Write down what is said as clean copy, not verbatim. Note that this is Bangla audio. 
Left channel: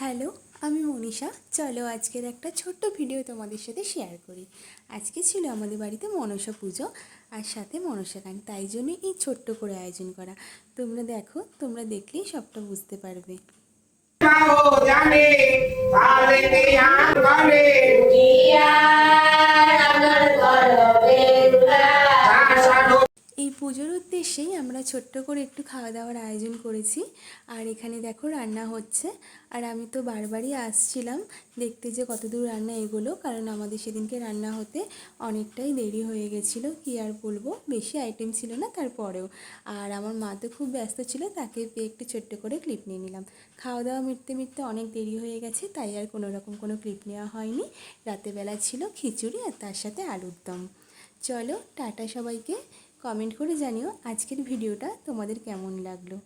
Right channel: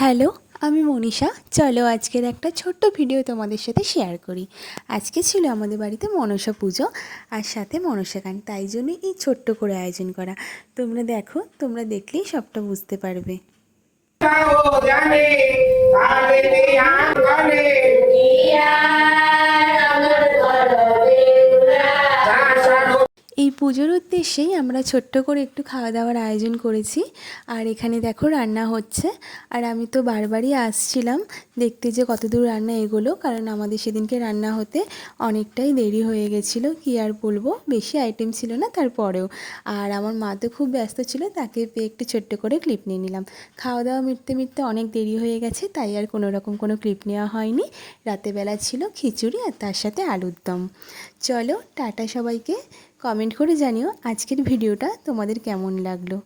হ্যালো, আমি মনীষা। চলো আজকের একটা ছোট্ট ভিডিও তোমাদের সাথে শেয়ার করি। আজকে ছিল আমাদের বাড়িতে মনসা পুজো আর সাথে মনসা গান, তাই জন্য এই ছোট্ট করে আয়োজন করা। তোমরা দেখো, তোমরা দেখলেই সবটা বুঝতে পারবে। এই পুজোর উদ্দেশ্যেই আমরা ছোট্ট করে একটু খাওয়া দাওয়ার আয়োজন করেছি। আর এখানে দেখো রান্না হচ্ছে। আর আমি তো বারবারই আসছিলাম দেখতে যে কতদূর রান্না এগোলো, কারণ আমাদের সেদিনকে রান্না হতে অনেকটাই দেরি হয়ে গেছিলো। কী আর বলবো, বেশি আইটেম ছিল না তারপরেও। আর আমার মা তো খুব ব্যস্ত ছিল, তাকে পেয়ে একটু ছোট্ট করে ক্লিপ নিয়ে নিলাম। খাওয়া দাওয়া মিটতে মিটতে অনেক দেরি হয়ে গেছে, তাই আর কোনো রকম কোনো ক্লিপ নেওয়া হয়নি। রাতেবেলা ছিল খিচুড়ি আর তার সাথে আলুর দম। চলো টাটা সবাইকে। কমেন্ট করে জানিও আজকের ভিডিওটা তোমাদের কেমন লাগলো।